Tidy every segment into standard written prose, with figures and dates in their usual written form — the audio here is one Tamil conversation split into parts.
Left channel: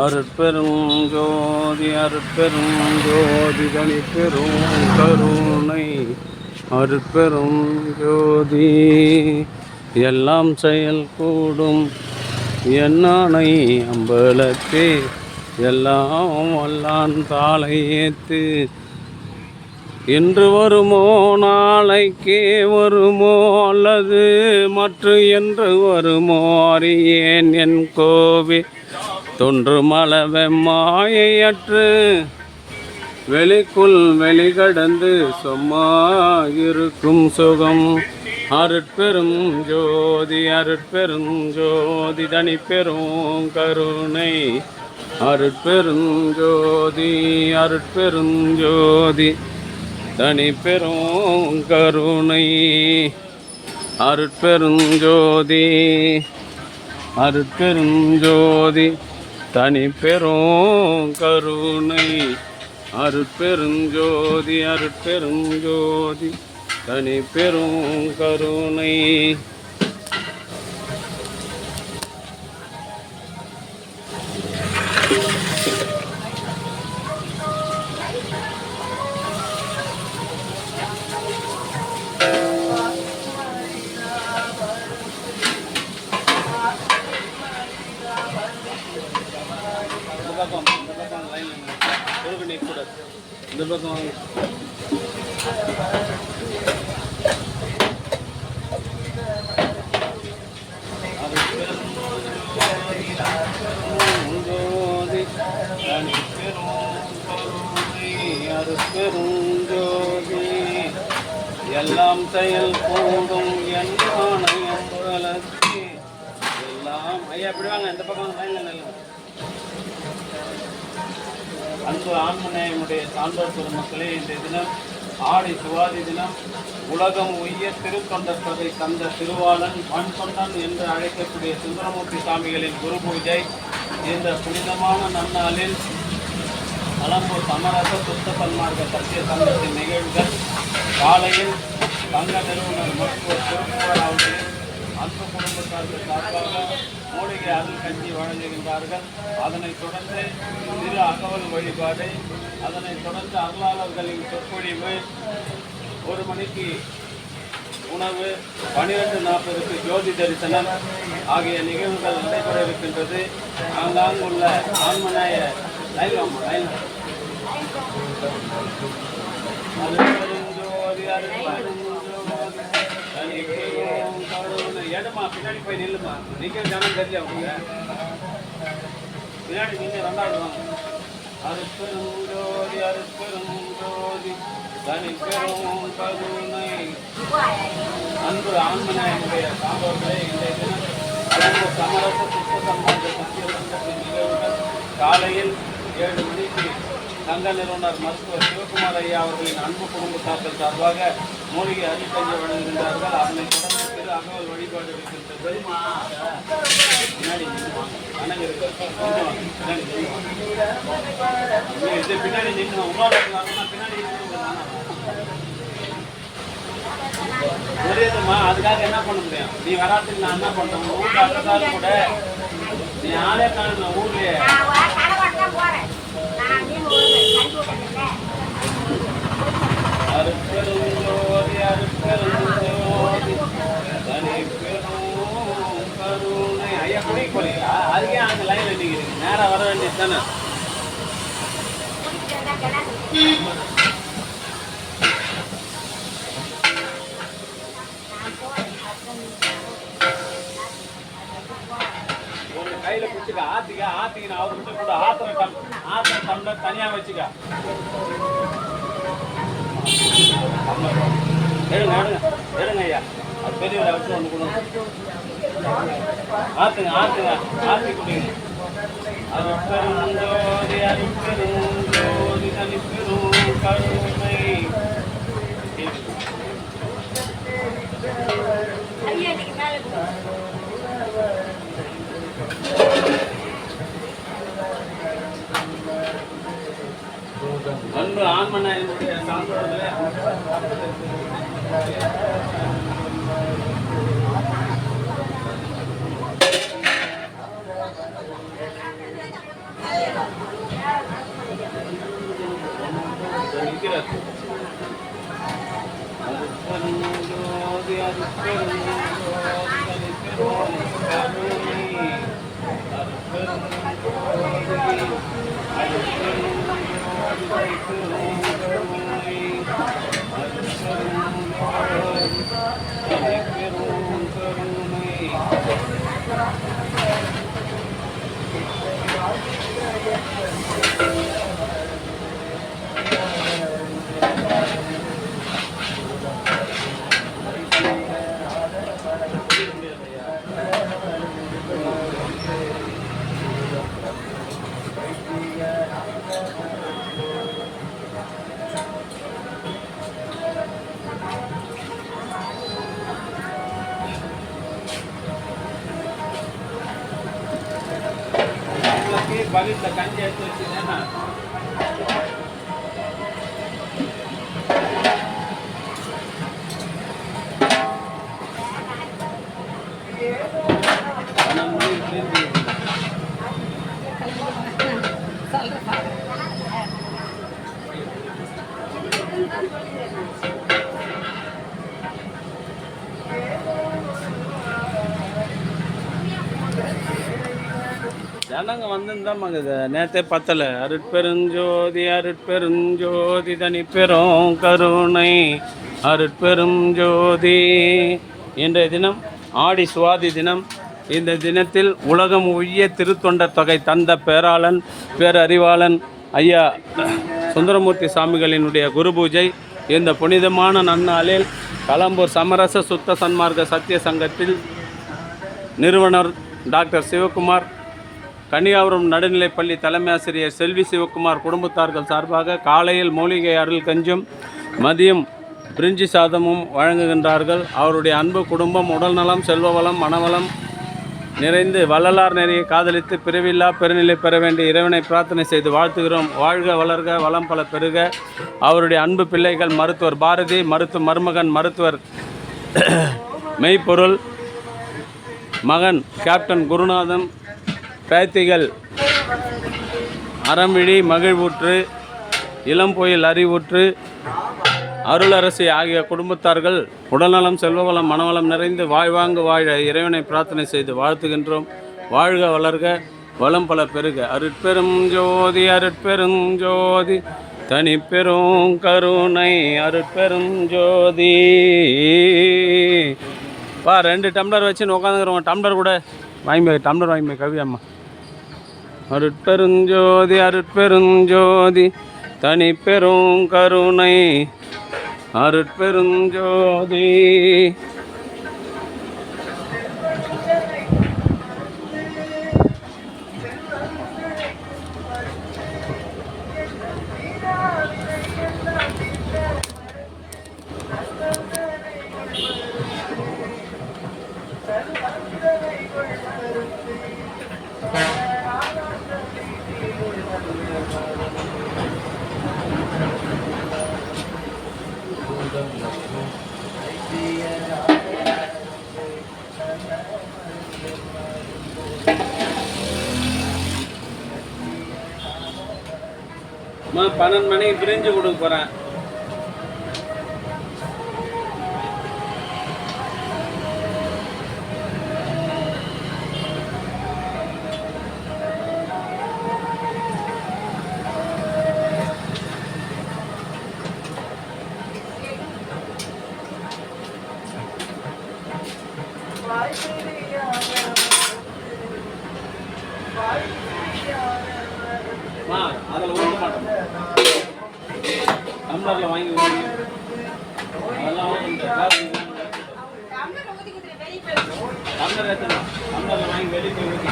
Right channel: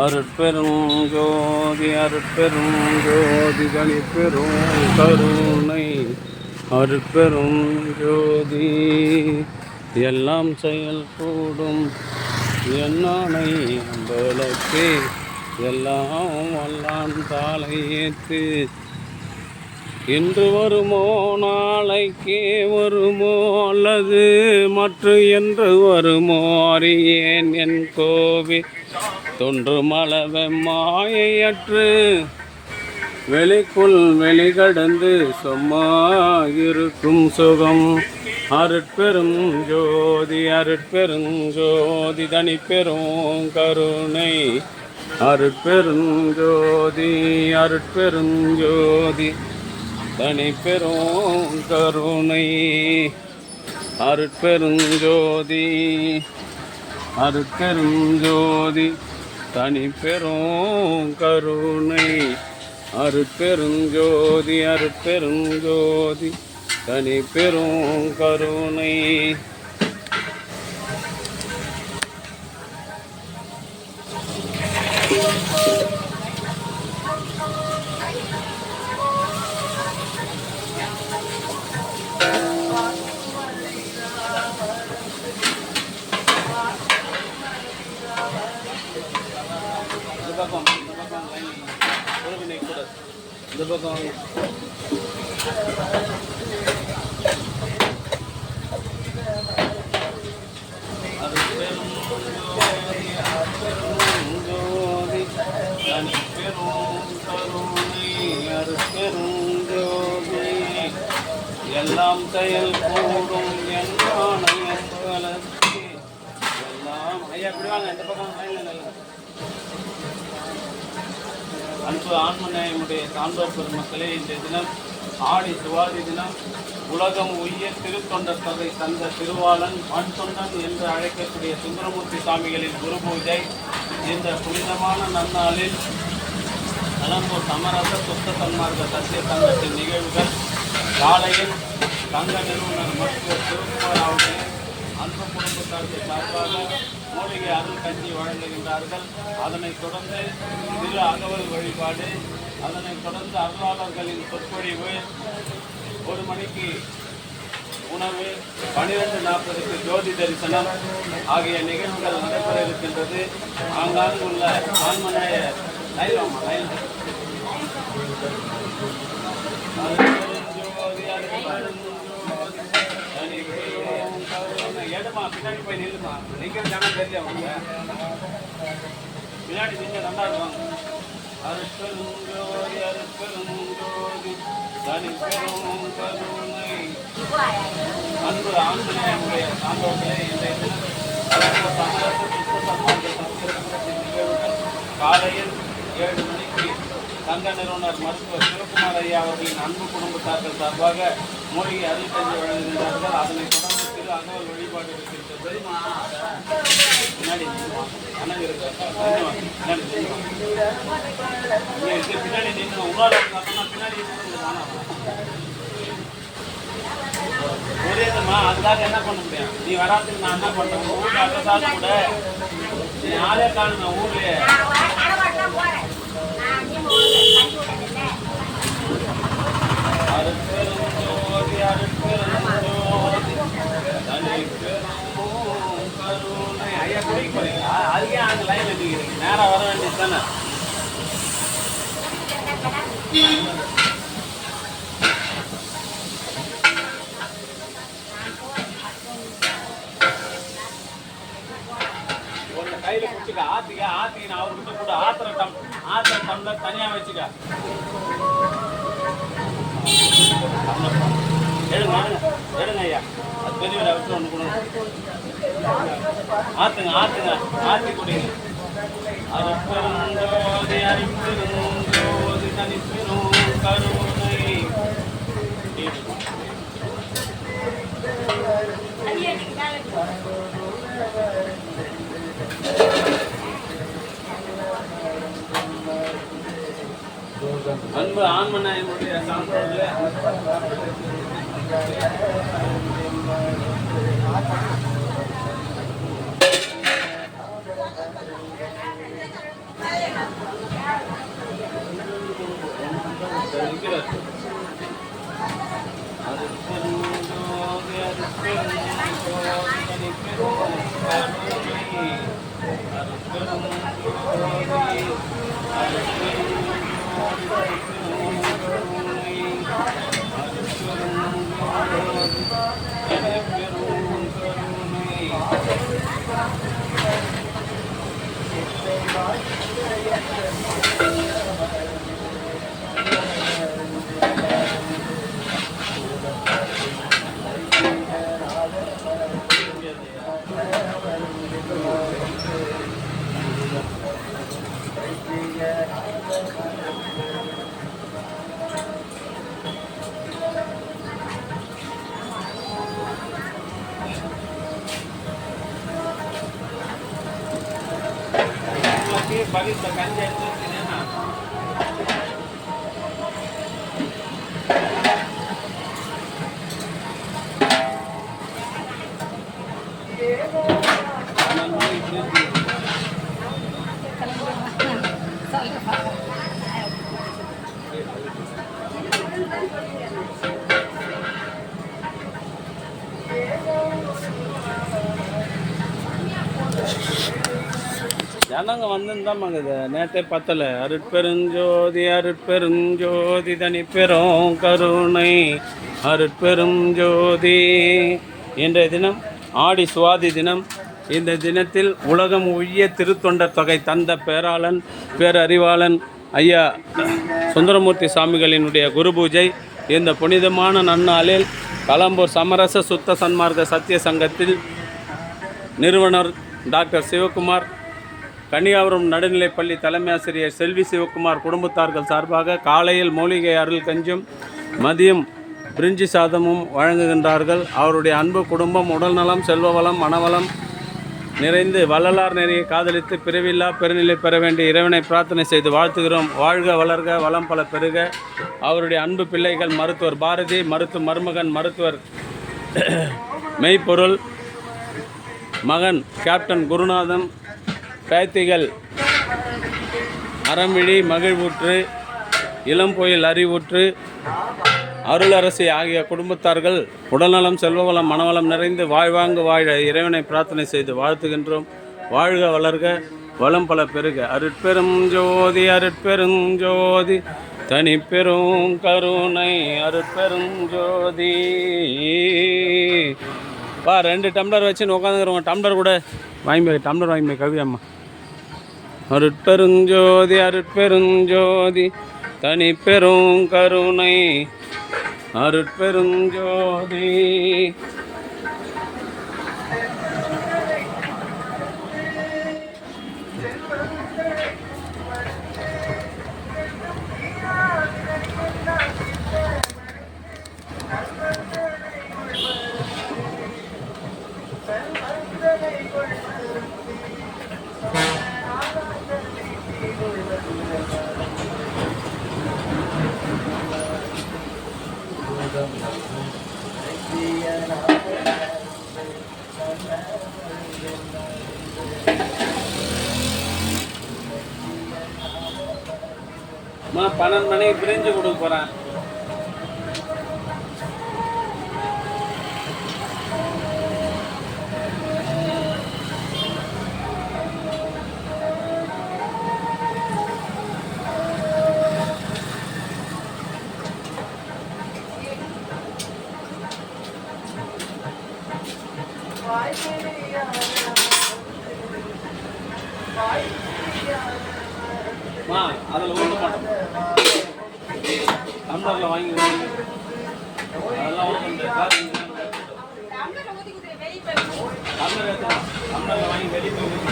அருட்பெரும் ஜோதி அருட்பெரும் ஜோதி தனிப்பெரும் கருணை அருட்பெரும் ஜோதி எல்லாம் செயல் கூடும் என்னானை அம்பலத்தே எல்லாம் வல்லான் தாளை ஏத்து இன்று வருமோ நாளைக்கே வருமோ அல்லது மற்ற என்று வருமோ அறியேன் என் கோவி தொன்று மலவெம்மாயற்று வெளிக்குள் வெளிகடந்து சும்மா இருக்கும் சுகம் அருட்பெரும் ஜோதி அருட்பெரும் ஜோதி தனிப்பெரும் கருணை அருட்பெரும் ஜோதி அருட்பெரும் ஜோதி தனிப்பெரும் கருணை அருட்பெரும் ஜோதி அருட்பெரும் ஜோதி தனிப்பெரும் கருணை அருட்பெரும் ஜோதி அருட்பெரும் ஜோதி தனிப்பெரும் கருணை இந்த பக்கம் லைன் ஒரு நிற்கக்கூடாது. இந்த பக்கம் அருட்பெரும் ஜோதி தனிப்பெரும் கருணை அருட்பெரும் ஜோதி எல்லாம் செயல் கூடும் என்னானை அம்பலத்தே எல்லாம் ஐயா எப்படி வாங்க இந்த பக்கம் லைன்ல நில்லுங்க. அன்பு ஆன்மநேயமுடைய சான்றோர் பெருமக்களே, இந்த தினம் ஆடி சுவாதி தினம் உலகம் உய்ய திருத்தொண்டர் சபை தந்த திருவாளன் மண் தொண்டன் என்று அழைக்கக்கூடிய சுந்தரமூர்த்தி சாமிகளின் குரு பூஜை இந்த புனிதமான நன்னாளில் நலம்பூர் சமரச சுத்த சன்மார்க்க சத்திய சங்கத்தின் நிகழ்வுகள் காலையில் சங்க நிறுவனர் மருத்துவர் சிவகுமார் அவருடைய அன்பு குடும்பத்தார்கள் சார்பாக மூலிகை அருள் கஞ்சி வழங்குகின்றார்கள். அதனைத் தொடர்ந்து திரு அகவல் வழிபாடு, அதனைத் தொடர்ந்து அருளாளர்களின் சொற்பொழிவு, 1 மணிக்கு உணவு, 12:40க்கு ஜோதி தரிசனம் ஆகிய நிகழ்வுகள் நடைபெற இருக்கின்றது. ஆங்காங்கு உள்ள ஆன்மநேய ஏடுமா பின்னாடி போய் நில்லுமா, நிற்கிற ஜனம் தெரிஞ்ச அவங்க பின்னாடி நீங்க 2வது வாங்க. அருட்பெரும் ஜோதி அருட்பெரும் ஜோதி தனிப்பெரும் கருணை அன்பு ஆன்மநேயமுடைய சான்றோர்களே, இன்றைய தினம் நலம்பூர் சமரச சுத்த சன்மார்க்க சத்திய சங்கத்தின் நிகழ்வுகள் காலையில் 7 மணிக்கு சங்க நிறுவனர் மருத்துவர் சிவகுமார் ஐயா அவர்களின் அன்பு குடும்பத்தார்கள் சார்பாக மூலிகை அருள் கஞ்சி வழங்குகின்றார்கள். அதனைத் தொடர்ந்து திரு அகவல் வழிபாடு இருக்கின்றது. பின்னாடி அணங்கு இருக்கு, பின்னாடி இது பின்னாடி நின்று உணவு பின்னாடி புரியுதுமா. அதுக்காக என்ன பண்ண முடியும், நீ வராதுக்கு நான் என்ன பண்ணுறேன், உங்கள் ஊருக்கு அட்ரஸாவது கூட நீ ஆளே காணுங்க ஊர்லயே. அருட்பெரும் ஜோதி அருட்பெரும் ஜோதி தனிப்பெரும் கருணை ஐயா குடிக்க போறீங்களா? அதுக்கே அங்கே லைன் நிற்கிறீங்க, நேராக வர வேண்டியது தானே. கையில குடிச்சுக்க, ஆத்திக்க நான் அவர்கிட்ட கூட ஆத்திர டம்ளர் தனியா வச்சுக்க. எடுங்க ஐயா, அது பெரியவரை வச்சு ஒன்று கொடுங்க. ஆத்துங்க ஆத்தி குடிங்க. அருட்பெரும் ஜோதி அருட்பெரும் ஜோதி தனிப்பெரும் கருணை அன்பு ஆன்மநேயமுடைய சான்றோர்களே, அருட்பெருஞ்சோதி அருட்பெருஞ்சோதி தனிப்பெரும் கருணை அருட்பெருஞ்சோதி அருட்பெருஞ்சோதி தனிப்பெரும் கருணை அருட்பெருஞ்சோதி தனிப்பெரும் கருணை. बघितलं कांजी ना ஜனங்க வந்துருந்தாமாங்க இது நேற்றே பத்தலை. அருட்பெருஞ்சோதி அருட்பெருஞ்சோதி தனிப்பெரும் கருணை அருட்பெரும் ஜோதி. இன்றைய தினம் ஆடி சுவாதி தினம். இந்த தினத்தில் உலகம் உய்ய திருத்தொண்டர் தொகை தந்த பேராளன் பேரறிவாளன் ஐயா சுந்தரமூர்த்தி சாமிகளினுடைய குரு பூஜை. இந்த புனிதமான நன்னாளில் கலம்பூர் சமரச சுத்த சன்மார்க்க சத்திய சங்கத்தில் நிறுவனர் டாக்டர் சிவகுமார், கன்னியாகுமரி நடுநிலைப்பள்ளி தலைமை ஆசிரியர் செல்வி சிவகுமார் குடும்பத்தார்கள் சார்பாக காலையில் மூலிகை அருள் கஞ்சும் மதியம் பிரிஞ்சி சாதமும் வழங்குகின்றார்கள். அவருடைய அன்பு குடும்பம் உடல்நலம் செல்வவளம் மனவளம் நிறைந்து வள்ளலார் நெறியை காதலித்து பிறவில்லா பெருநிலை பெற வேண்டிய இறைவனை பிரார்த்தனை செய்து வாழ்த்துகிறோம். வாழ்க வளர்க வளம் பல பெருக. அவருடைய அன்பு பிள்ளைகள் மருத்துவர் பாரதி, மருமகன் மருத்துவர் மெய்ப்பொருள், மகன் கேப்டன் குருநாதன், பேத்திகள் அறம்விழி மகிழ்வூற்று, இளம்பொயில் அறிவூற்று, அருளரசி ஆகிய குடும்பத்தார்கள் உடல்நலம் செல்வவளம் மனவளம் நிறைந்து வாழ்வாங்கு வாழ இறைவனை பிரார்த்தனை செய்து வாழ்த்துகின்றோம். வாழ்க வளர்க வளம் பல பெருக. அருட்பெரும் ஜோதி அருட்பெரும் ஜோதி தனிப்பெரும் கருணை அருட்பெரும் ஜோதி. 2 டம்ளர் வச்சுன்னு உட்காந்துக்கிறவங்க டம்ளர் கூட டம்ளர் வாங்கி கவி அம்மா. அருட்பெருஞ்சோதி அருட்பெருஞ்சோதி தனிப்பெரும் கருணை அருட்பெருஞ்சோதி. நான் 12 மணிக்கு பிரிஞ்சு கொடுக்க போகிறேன். அதில் ஊற்ற மாட்டோம், டம்ளரில் வாங்கி அதெல்லாம் டம்ளர் ஏற்றலாம். டம்ளரில் வாங்கி வெளியே போய் ஊற்றி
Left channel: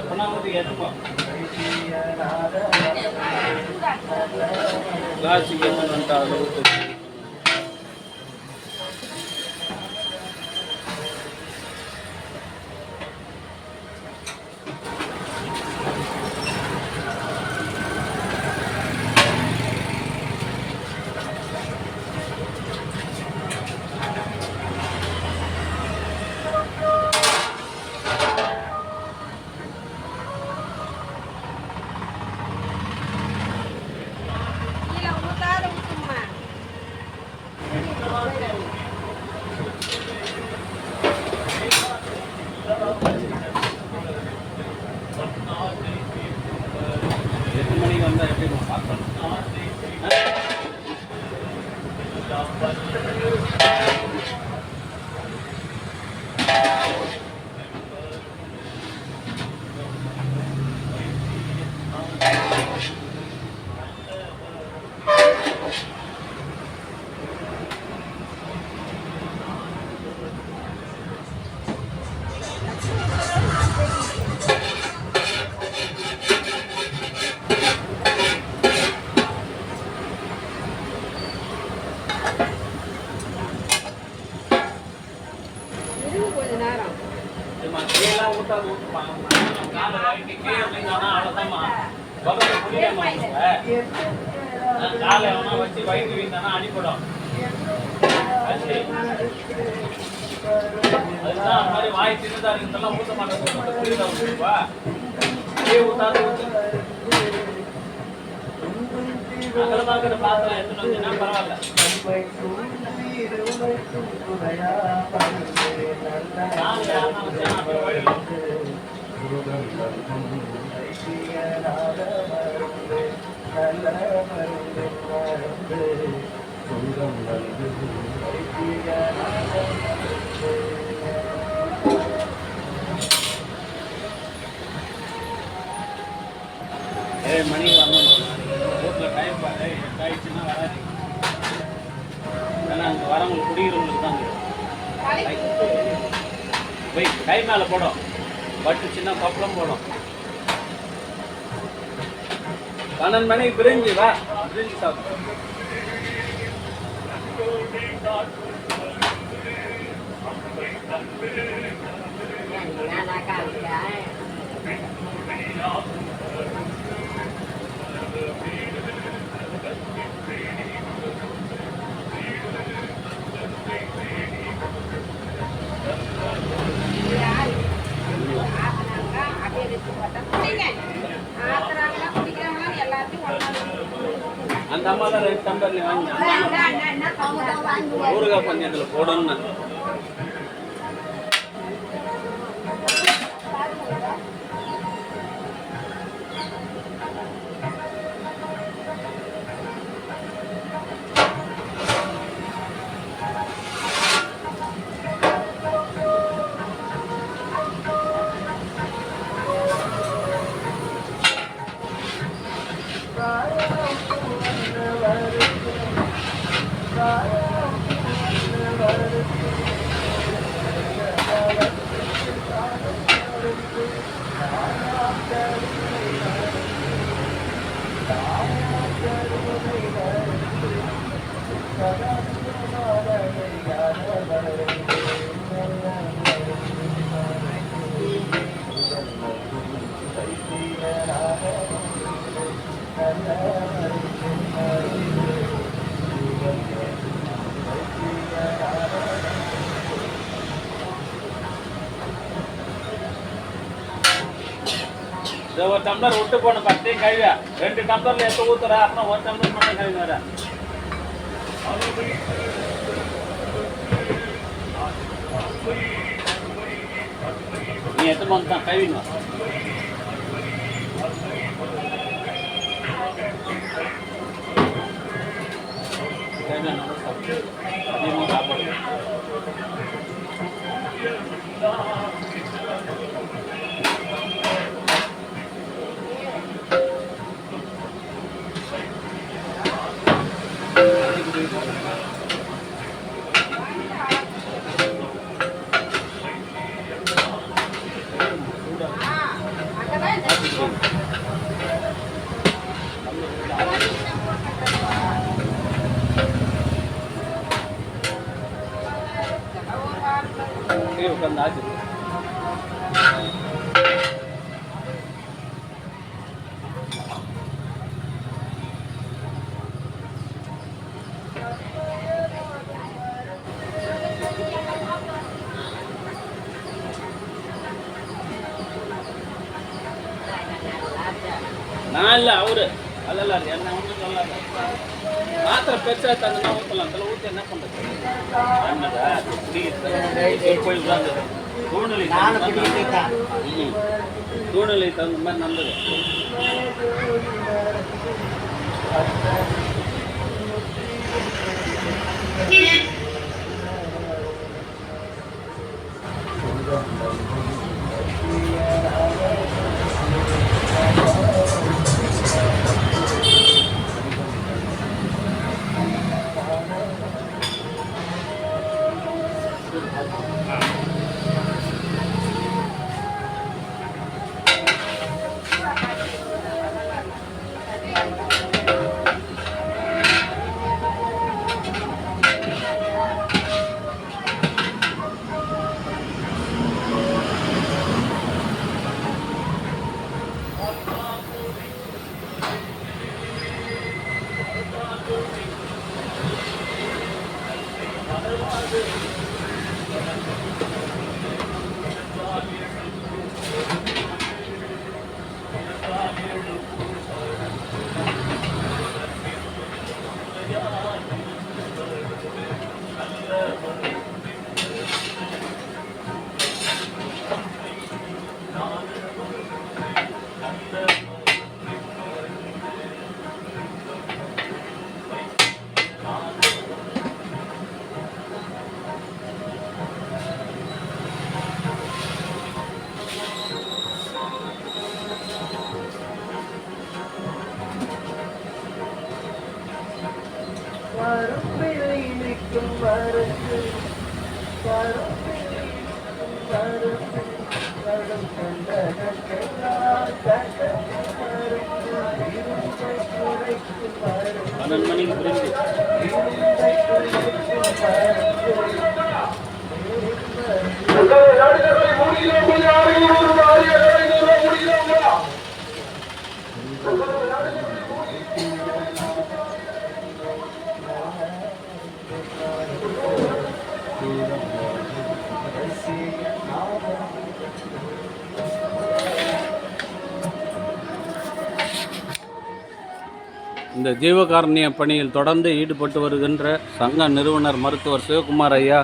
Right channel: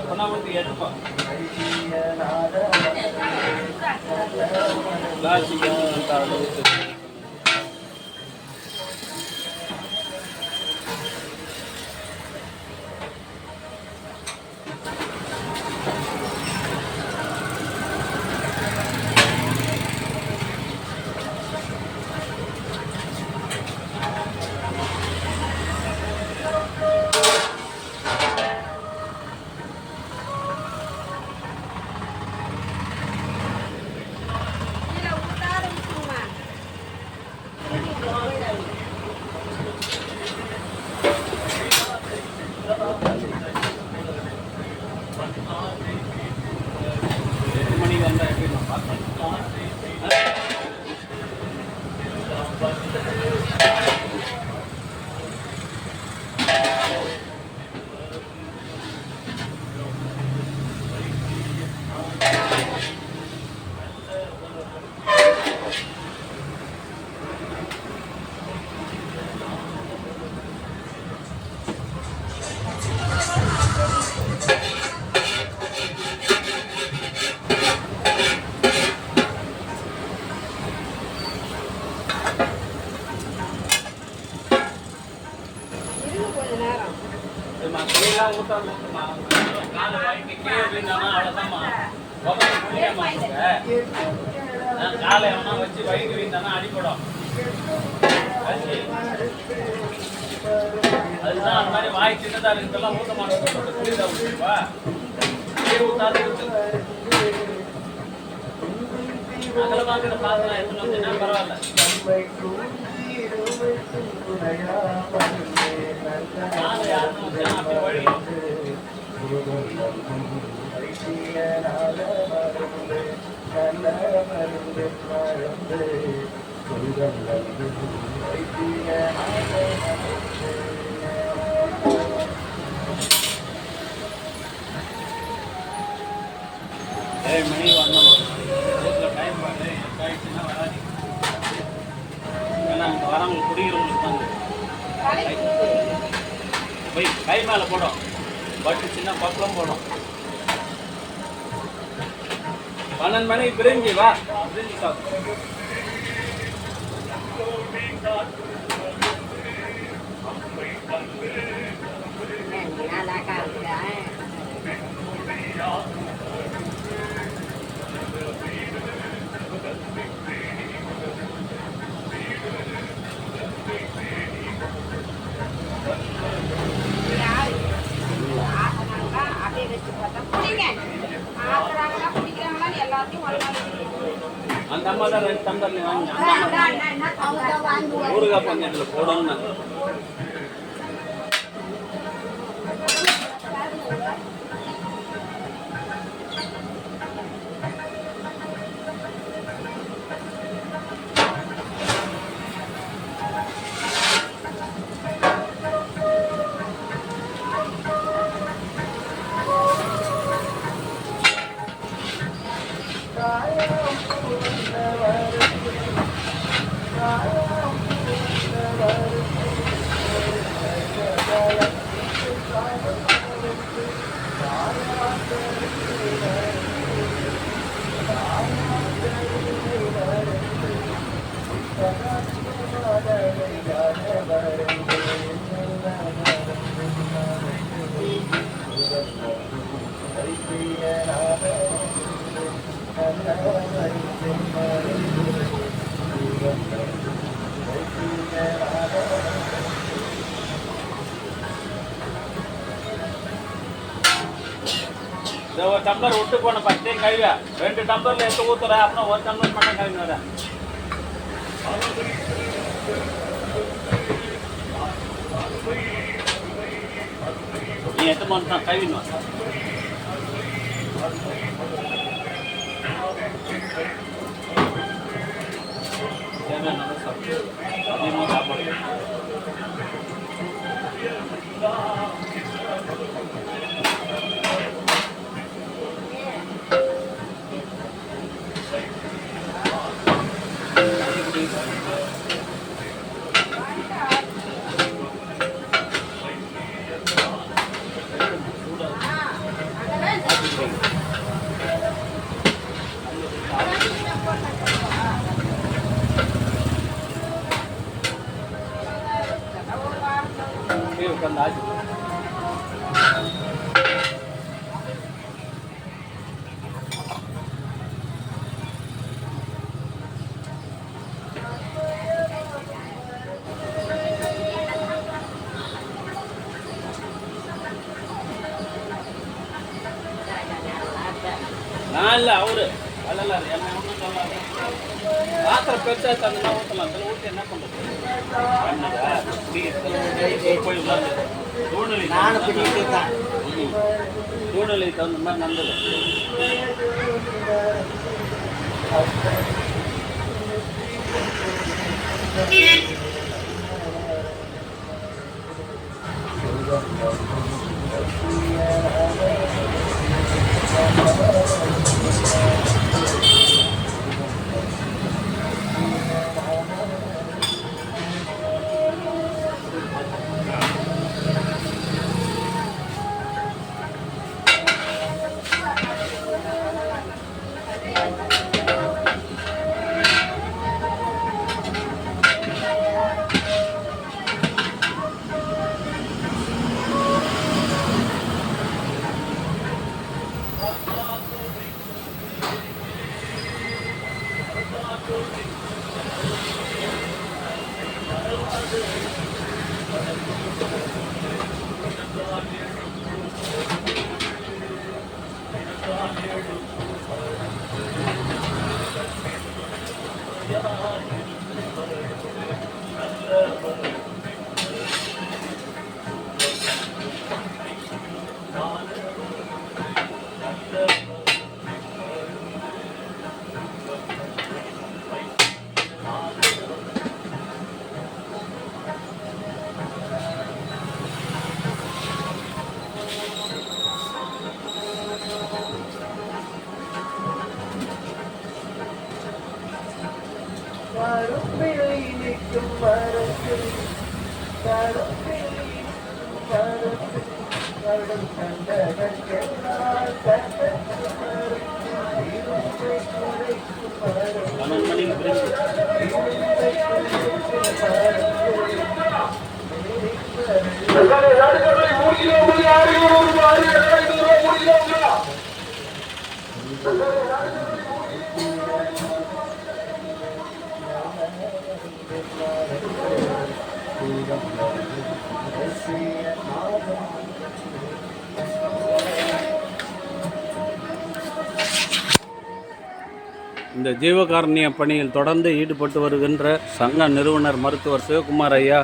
எப்பனா ஊற்றி ஏற்றுப்பா. கிளாஸுக்கு வந்துட்டாங்க. காலை எவனா வச்சு வயிறு வீந்தானா அடிப்படும். அதுதான் அந்த மாதிரி வாய் சின்னதா இருக்கிறதெல்லாம் ஊத்த மாட்டேன். புரியுதா ஊற்றுப்பா ஊத்தாது ஊத்து. அகலமாக்கிற பாத்திரம் எடுத்துன்னு வந்தீங்கன்னா பரவாயில்ல. யாருன்னா வச்சா அப்படி வழி மணி வரணும். ஊரில் டைம் பாரு 8 ஆயிடுச்சுன்னா வராது. ஏன்னா அங்கே வரவங்களுக்கு குடிக்கிறவங்களுக்கு தாங்க போய் கை மேலே போடும். பட்டு சின்ன பப்பளம் போடும். 12 மணிக்கு பிரிஞ்சு வா. பிரிஞ்சு சாப்பிடும். அந்த அம்மா தான் 2 டம்ளர் நீ வாங்கி ஊறுகாய் பஞ்சத்தில் போடணும். ஒரு டம்ளர் விட்டு போன 10 கழுவியா 2 டம்ளர்ல எடுத்து ஊத்துற. அப்புறம் 1 டம்ளர் மட்டும் கழுவி வர. நீ எத்தனை மணி தான் கழுவின்னு வர. நல்லா சாப்பிட்டு அதிகமாக சாப்பாடு. உட்காந்து ஆச்சு. நான் இல்லை அவரு அல்ல என்ன ஒன்றும் சொல்லாத. பாத்திரம் பெருசா தந்தா ஊற்றலாம். அதில் ஊற்றி என்ன பண்ணுறது? சூழ்நிலை சூழ்நிலை தகுந்த மாதிரி நல்லது. இந்த ஜீவகாருண்ய பணியில் தொடர்ந்து ஈடுபட்டு வருகின்ற சங்க நிறுவனர் மருத்துவர் சிவகுமார் ஐயா,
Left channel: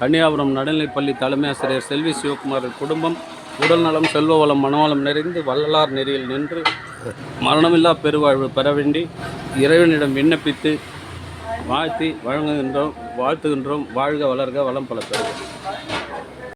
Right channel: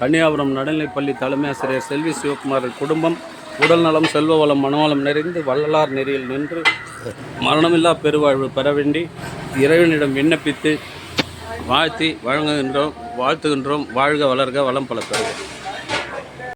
கன்னியாகுமரி நடுநிலைப்பள்ளி தலைமை ஆசிரியர் செல்வி சிவகுமார் குடும்பம் உடல்நலம், செல்வ வளம், மனவளம் நிறைந்து வள்ளலார் நெறியில் நின்று மரணமில்லா பெருவாழ்வு பெற வேண்டி இறைவனிடம் விண்ணப்பித்து வாழ்த்துகின்றோம். வாழ்க, வளர்க, வளம் பல பெறுக.